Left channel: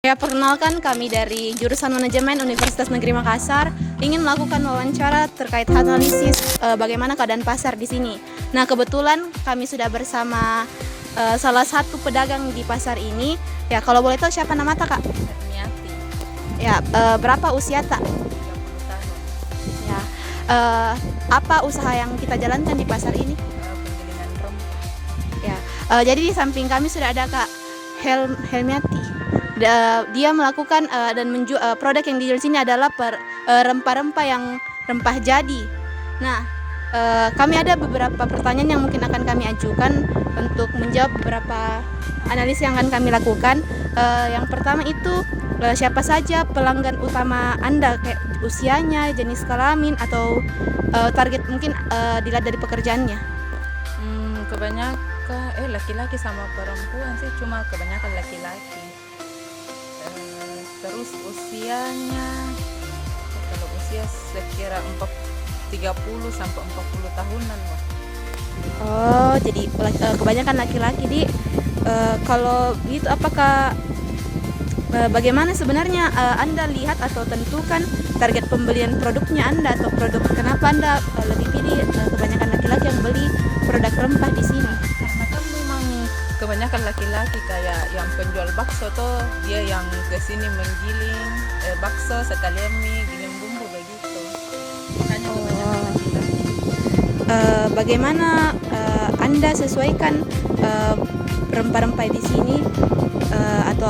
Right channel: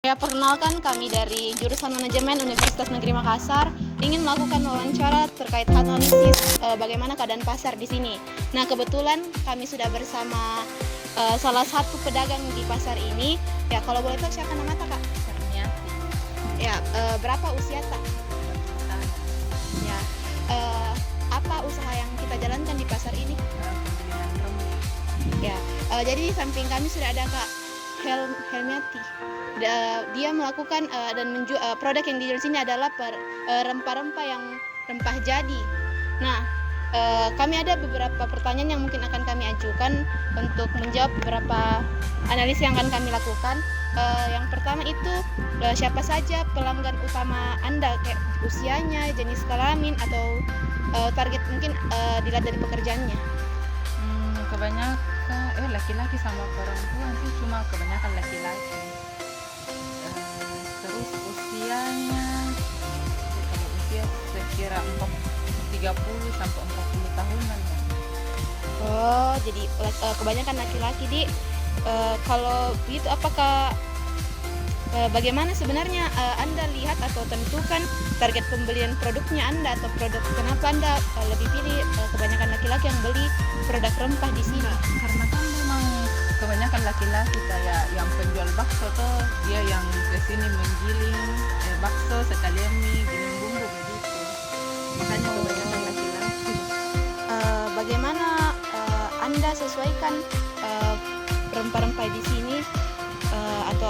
Ya, perkenalkan kami dari jurusan Manajemen Universitas Negeri Makassar ingin melakukan wawancara terkait analisis bagaimana keadaan pasar di sini. Nah, kebetulan kami sudah bersama salah satu pedagang di pasar ini. Ya, kalau boleh tahu siapa nama tak, Kak? Ya, berapa usia tak? Ya, apa usaha yang kita jalankan di pasar ini? Ya, jadi di samping kami sudah ada Kak Helmiati. Dia melakukan dan menjual produk yang dijual sini adalah rempah-rempah yang rempah jadi. Nah, kami ada beberapa pertanyaan yang mungkin akan kami ajukan untuk menjawab beberapa analisis yang akan kami lakukan. Yang pertama itu siapa saja pelanggan utama Anda, kayak usianya, jenis kelamin atau target mungkin dilihat dari pekerjaannya. Kebanyakan laki-laki sama perempuan sih, cuma kebanyakan laki-laki. Terus usianya, kalau usia sekira 30 sampai 40 tahunan ya. Oh, jadi kebanyakan laki-laki. Di kalau gitu apakah bagaimana sebenarnya Anda lihat atau tentukan target pembelian produknya Anda atau produk, kenapa Anda lebih pilih kebanyakan laki-laki yang beli produk rempah di sini? Karena kan memang kebanyakan laki-laki, kayak yang penjual bakso tuh, dia yang kesini menggiling bakso sekalian mie, giling bumbu begitu. Bagaimana Anda sesuaikan rempah-rempah di sini atau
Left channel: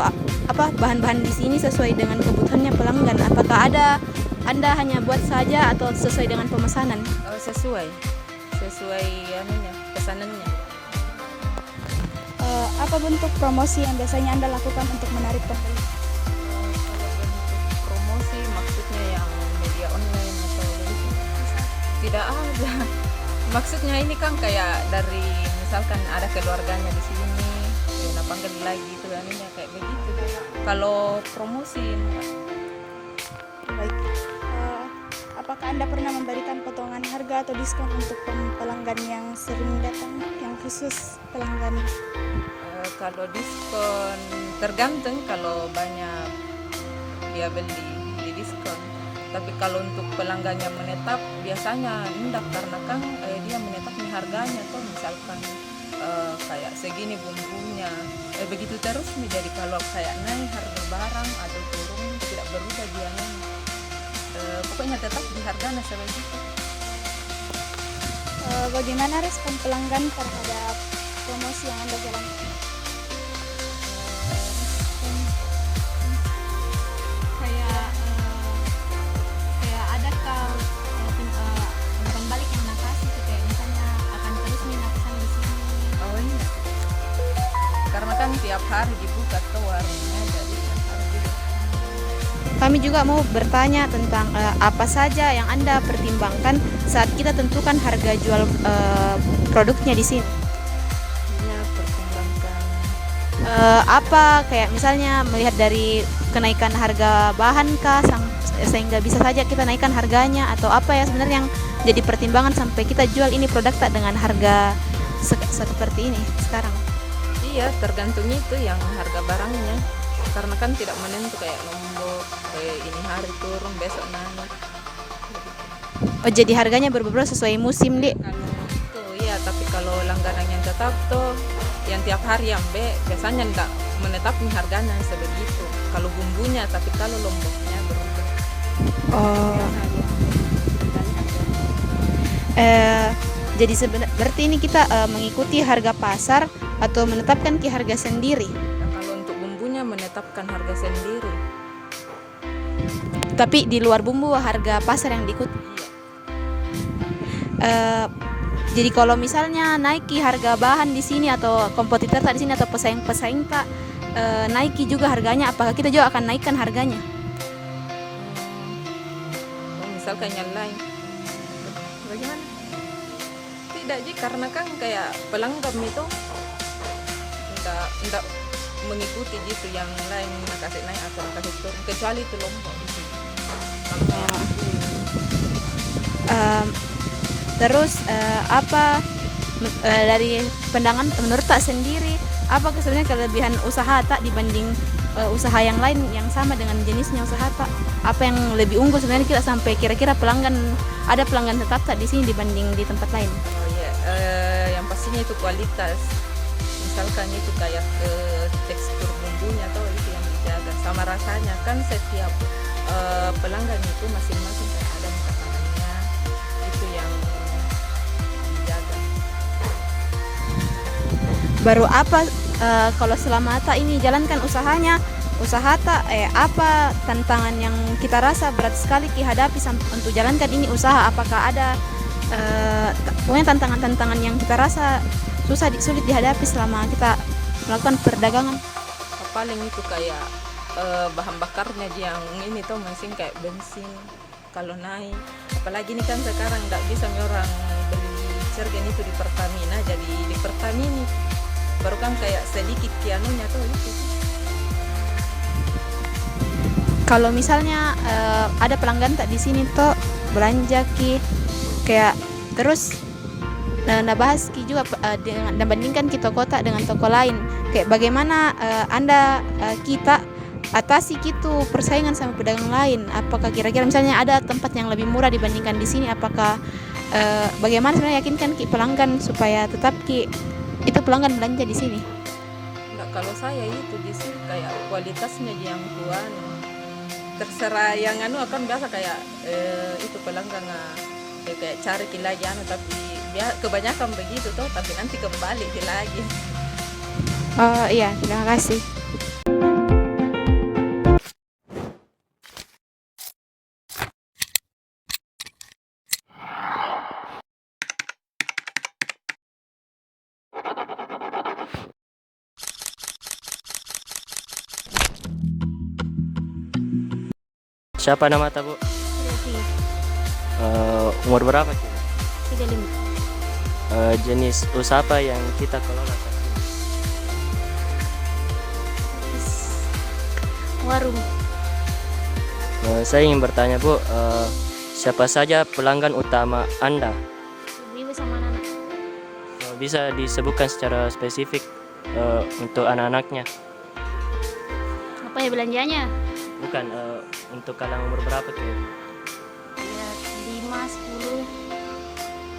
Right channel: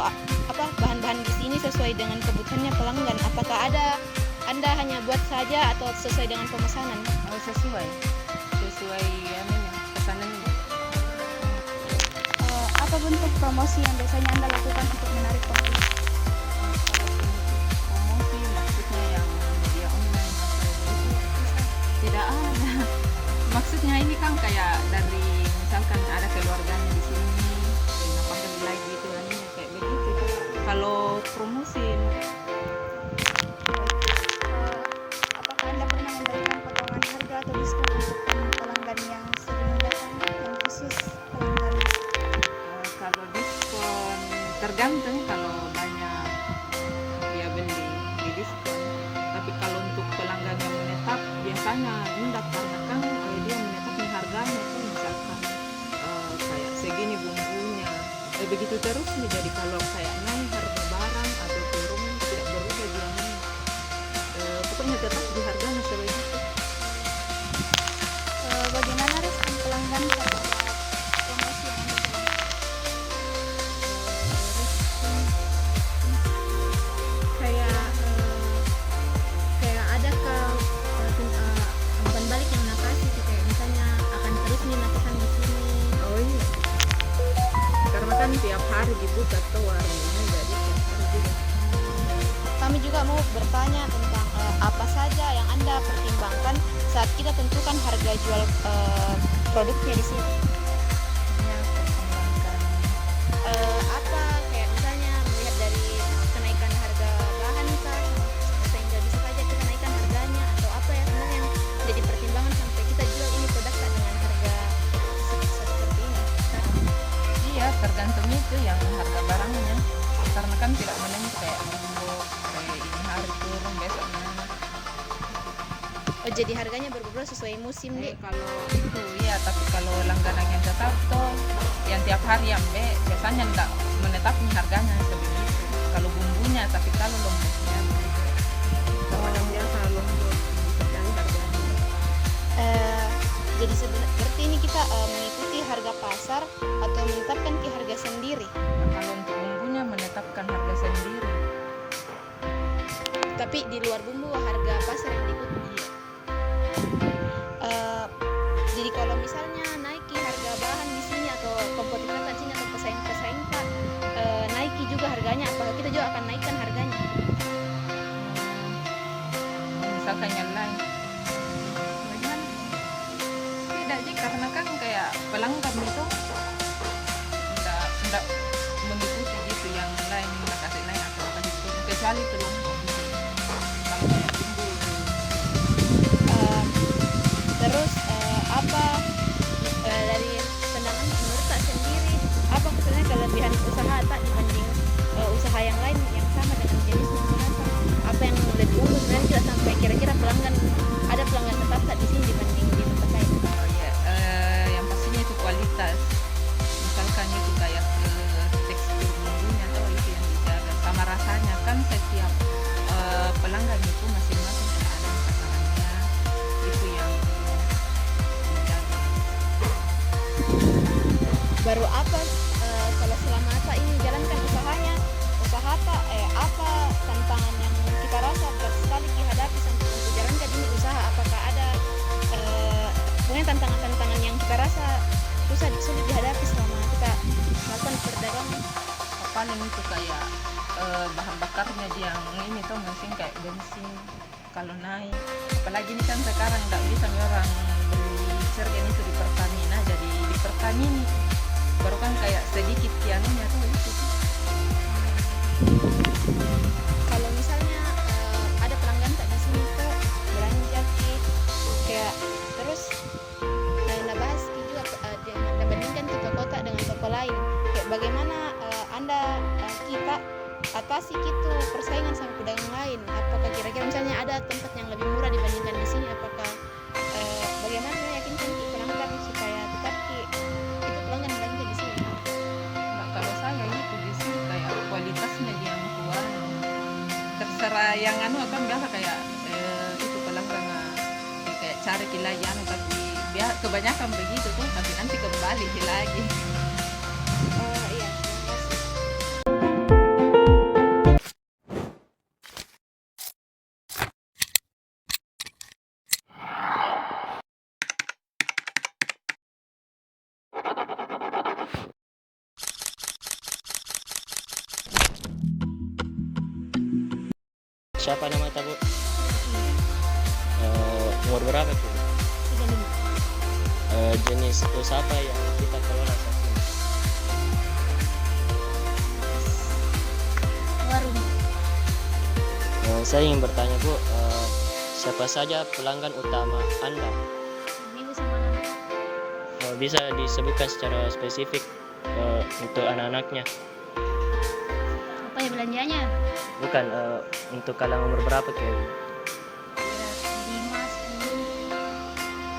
apa bahan-bahan di sini sesuai dengan kebutuhannya pelanggan? Apakah Anda hanya buat saja atau sesuai dengan pemesanan? Sesuai anunya, pesanannya. Apa bentuk promosi yang biasanya Anda lakukan untuk menarik pembeli? Promosi maksudnya yang media online atau tidak ada. Maksudnya ini kan kayak dari misalkan ada keluarganya di sini, kita panggil lagi itu anunya kayak begitu. Kalau promosi, Baik. Apakah Anda pernah memberikan potongan harga atau diskon untuk pelanggan yang sering datang, yang khusus pelanggan? kalau diskon tergantung, kalau banyak dia beli di diskon. Tapi kalau untuk pelanggan yang menetap biasanya rendah, karena kan dia menetapkan harganya kan, misalkan kayak segini bumbunya begitu terus. Jadi kalau kayak naik harga barang atau turun tidak berubah dia, pokoknya tetap di harganya seperti itu. Bagaimana respon pelanggan terhadap promosi yang Anda jalankan? Kayak adakah umpan balik yang nakasi kayak misalnya akan terus nih lakukan di sini? Oh iya, karena kan tiap hari dibuka tuh warnanya, jadi Kami juga mau bertanya tentang apa saja yang Anda pertimbangkan saat kita tentukan harga jual produknya di sini. ya pertimbangkan. Apa kayak misalnya melihat dari kenaikan harga bahan kah sehingga bisa saja kita naikkan harganya, atau apa ya sebenarnya yang jadi pertimbangan sampai kita jual ini produk tak dengan harga seperti ini sekarang? Iya, tergantung itu yang harga barangnya, karena kan tidak menentu kayak lombok ini hari turun besok naik. Oh, jadi harganya berubah sesuai musim, Dek. Oh iya, tapi kalau langganan yang tetap tuh yang tiap hari yang biasanya enggak menetapkan harganya sebegitu. Kalau bumbunya, tapi kalau lomboknya begitu. Oh. Jadi berarti ini kita mengikuti harga pasar atau menetapkan harga sendiri. Kalau untuk bumbunya menetapkan harga sendiri. Tapi di luar bumbu harga pasar yang diikuti. Jadi kalau misalnya naiki harga bahan di sini atau kompetitor di sini atau pesaing-pesaing Kak naiki juga harganya, apakah kita juga akan naikkan harganya? Misalkan yang lain, bagaimana? Tidak sih, karena kan kayak pelanggan itu enggak mengikuti gitu yang lain kasih naik atau kasih turun, kecuali itu loh. Terus apa dari pandangan menurut tak sendiri, apa sebenarnya kelebihan usaha tak dibanding usaha yang lain yang sama dengan jenisnya usaha apa yang lebih unggul sebenarnya kita sampai kira-kira ada pelanggan tetap tak di sini dibanding di tempat lain? Oh, iya. Yang pastinya itu kualitas. Misalkan itu kayak tekstur bumbunya atau itu yang dijaga sama rasanya kan setiap pelanggan itu masing-masing kan ada makanannya itu yang dijaga. Baru apa kalau selama Ata ini jalankan usaha tak apa tantangan yang kita rasa berat sekali dihadapi untuk jalankan ini usaha, apakah ada pokoknya tantangan-tantangan yang kita rasa sulit dihadapi selama kita melakukan perdagangan? Paling itu kayak bahan bakarnya yang ini tuh masing kayak bensin kalau naik, apalagi ini kan sekarang nggak bisa orang beli sergen itu di Pertamina, jadi di Pertamina baru kan kayak sedikit pianonya tuh itu. Kalau misalnya ada pelanggan tak di sini toh belanja kayak terus nah bahas juga dengan bandingkan kita kota dengan toko lain, kayak bagaimana Anda kita atasi gitu persaingan sama pedagang lain, apakah kira-kira misalnya ada tempat yang lebih murah dibandingkan di sini, apakah bagaimana sebenarnya yakinkan pelanggan supaya tetap itu pelanggan belanja di sini? Nah, kalau saya itu di sini kayak kualitasnya yang kuat, terserah yang apa biasa kayak itu pelanggan kayak cari lagi tapi kebanyakan begitu tuh tapi nanti kembali lagi. Oh iya, terima kasih. Siapa nama Bu? Umur berapa tuh? 35. Jenis usaha apa yang kita kelola saat ini? Warung. Saya ingin bertanya Bu, siapa saja pelanggan utama Anda? Ibu sama anak. Bisa disebutkan secara spesifik untuk anak-anaknya? Apa ya belanjanya? Bukan, untuk kalangan umur berapa kayak? 5, 10,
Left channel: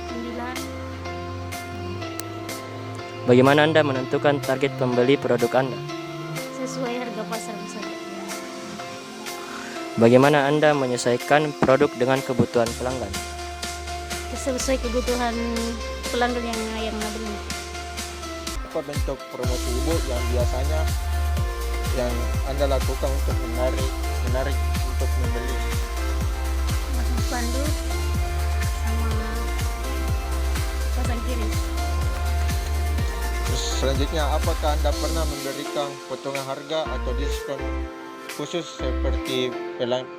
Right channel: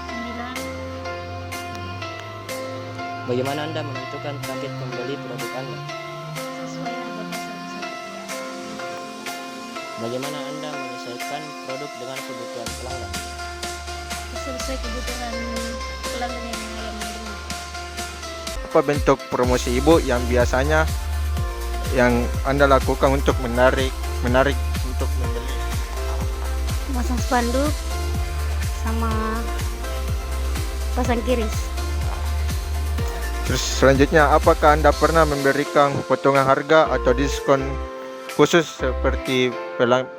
9. Bagaimana Anda menentukan target pembeli produk Anda? Sesuai harga pasar misalnya. Bagaimana Anda menyesuaikan produk dengan kebutuhan pelanggan? Sesuai kebutuhan pelanggan yang membeli. Apa bentuk promosi Ibu yang biasanya yang Anda lakukan untuk menarik untuk membeli? Masang spanduk sama pasang kiris. Terus selanjutnya, apakah Anda pernah memberikan potongan harga atau diskon khusus seperti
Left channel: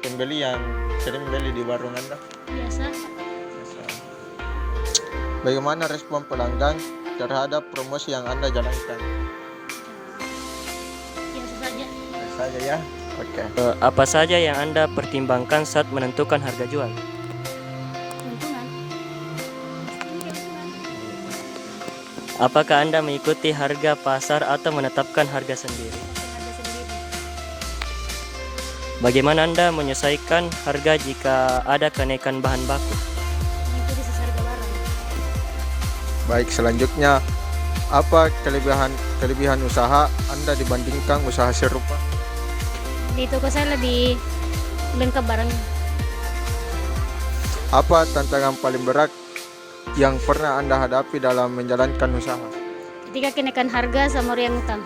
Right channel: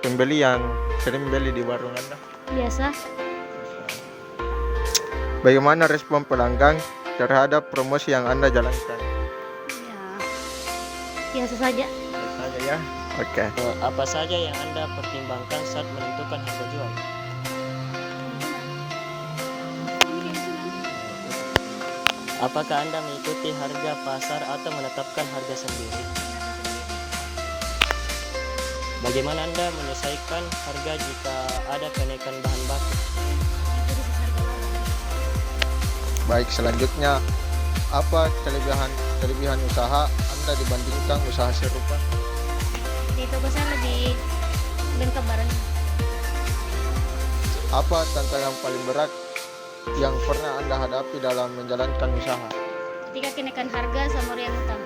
pembeli yang sering membeli di warung Anda? Biasa. Bagaimana respon pelanggan terhadap promosi yang Anda jalankan? Biasa saja. Saja ya. Oke. Apa saja yang Anda pertimbangkan saat menentukan harga jual? Apakah Anda mengikuti harga pasar atau menetapkan harga sendiri? Bagaimana Anda menyesuaikan harga jika ada kenaikan bahan baku? Baik, selanjutnya, apa kelebihan usaha Anda dibandingkan usaha serupa? Di toko saya lebih lengkap barangnya. Apa tantangan paling berat yang pernah Anda hadapi dalam menjalankan usaha? Ketika kenaikan harga sama riang utang.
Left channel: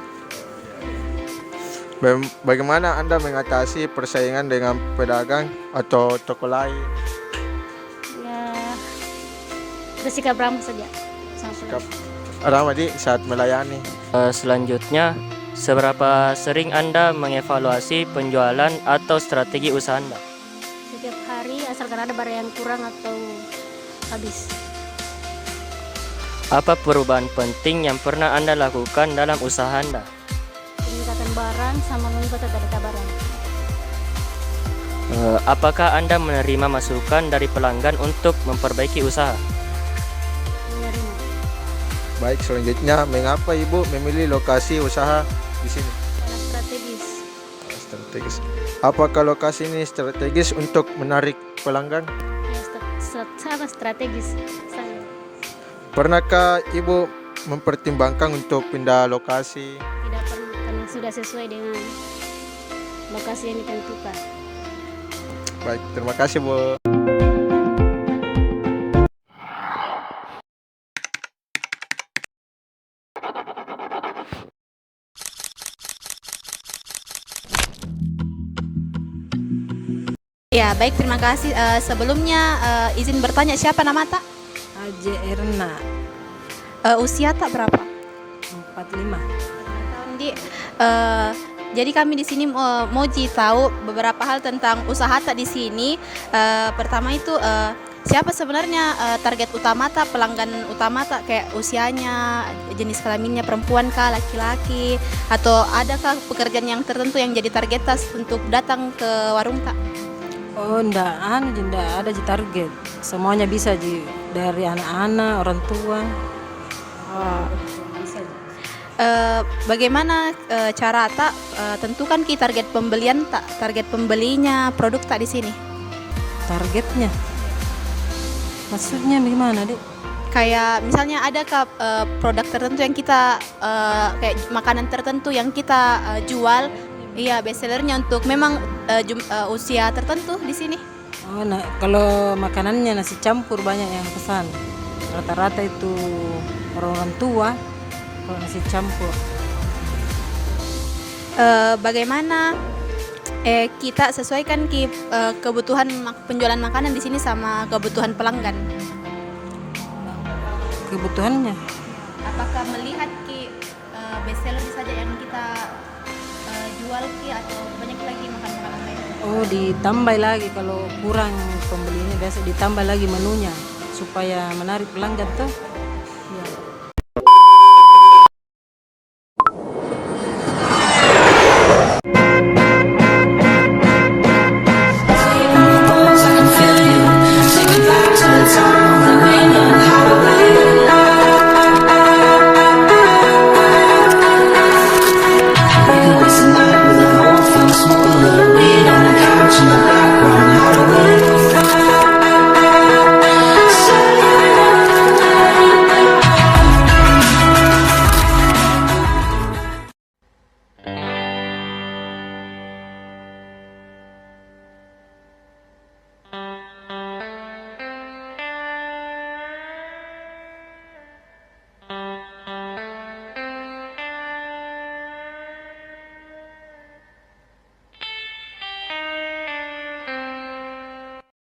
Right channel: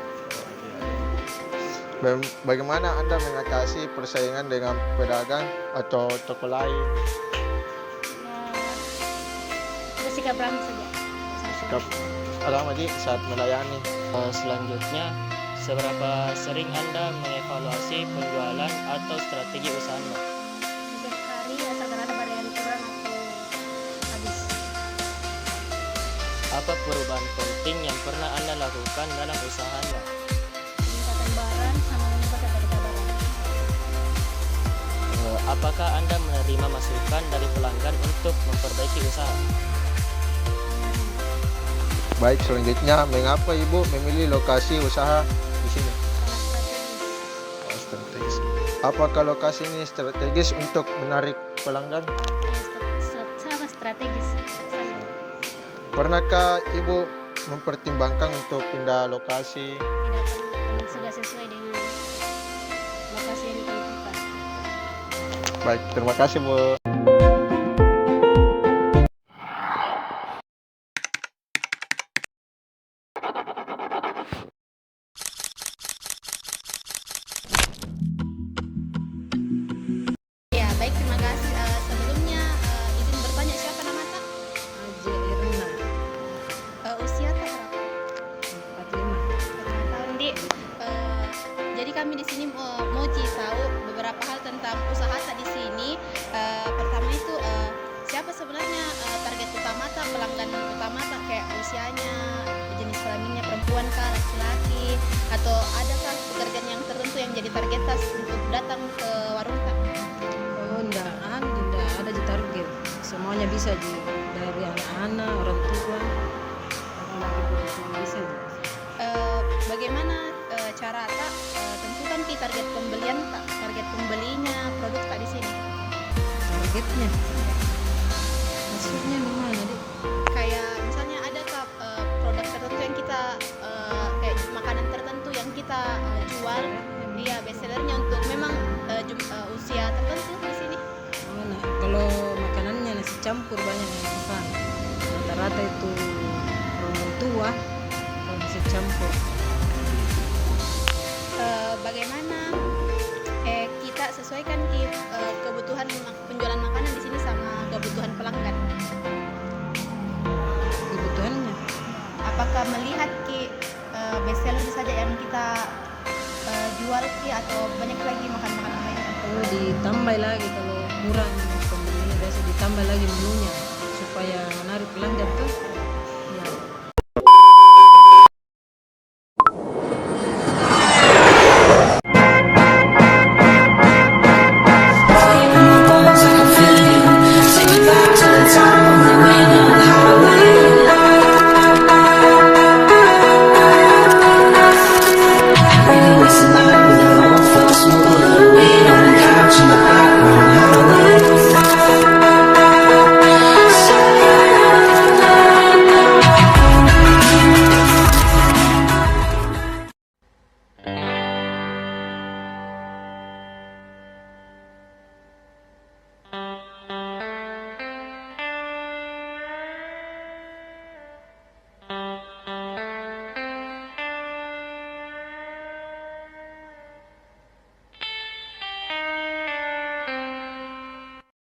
Bagaimana Anda mengatasi persaingan dengan pedagang atau toko lain? Ya, bersikap ramah saja. Sikap ramah di saat melayani. Selanjutnya, seberapa sering Anda mengevaluasi penjualan atau strategi usaha Anda? Setiap hari asalkan ada barang yang kurang atau habis. Apa perubahan penting yang pernah Anda lakukan dalam usaha Anda? Peningkatan barang sama mengikuti data barang. Apakah Anda menerima masukan dari pelanggan untuk memperbaiki usaha? Menerima. Baik, selanjutnya, mengapa Ibu memilih lokasi usaha di sini? Strategis. strategis. Apakah lokasi ini strategis untuk menarik pelanggan? Sangat strategis. Pernahkah Ibu mempertimbangkan untuk pindah lokasi? Tidak perlu karena sudah sesuai dengan lokasi yang ditentukan. Baik, terima kasih Bu. Ya, baik, terima kasih. Sebelumnya izin bertanya, siapa nama tak? Aje Erna Usia tak berapa? 45. Tahun di. Jadi kami di sini mau tahu beberapa hal tentang usaha tak di sini. Pertama itu siapa sebenarnya target utama tak, pelanggan utama tak, kayak usianya, jenis kelaminnya, perempuan kah, laki-laki, atau adakah pekerjaan yang tertentu yang jadi target tas untuk datang ke warung tak? Oh, enggak ada di target. Semuanya bisa dari anak-anak, orang tua. Bisa. Bagaimana cara tak tentukan target pembelian tak, target pembelinya produk tak di sini? Targetnya. Maksudnya gimana, Dek? Kayak misalnya adakah produk tertentu yang kita kayak makanan tertentu yang kita jual, iya, bestsellernya untuk memang usia tertentu di sini. Oh, nah, kalau makanannya nasi campur banyak yang pesan. Rata-rata itu orang tua kalau nasi campur. Bagaimana kita sesuaikan kebutuhan penjualan makanan di sini sama kebutuhan pelanggan? Kebutuhannya Apakah melihat bestseller saja yang kita jual atau banyak lagi makanan-makanan lain? oh ditambah lagi kalau kurang pembelinya, biasa ditambah lagi menunya supaya menarik pelanggan tuh.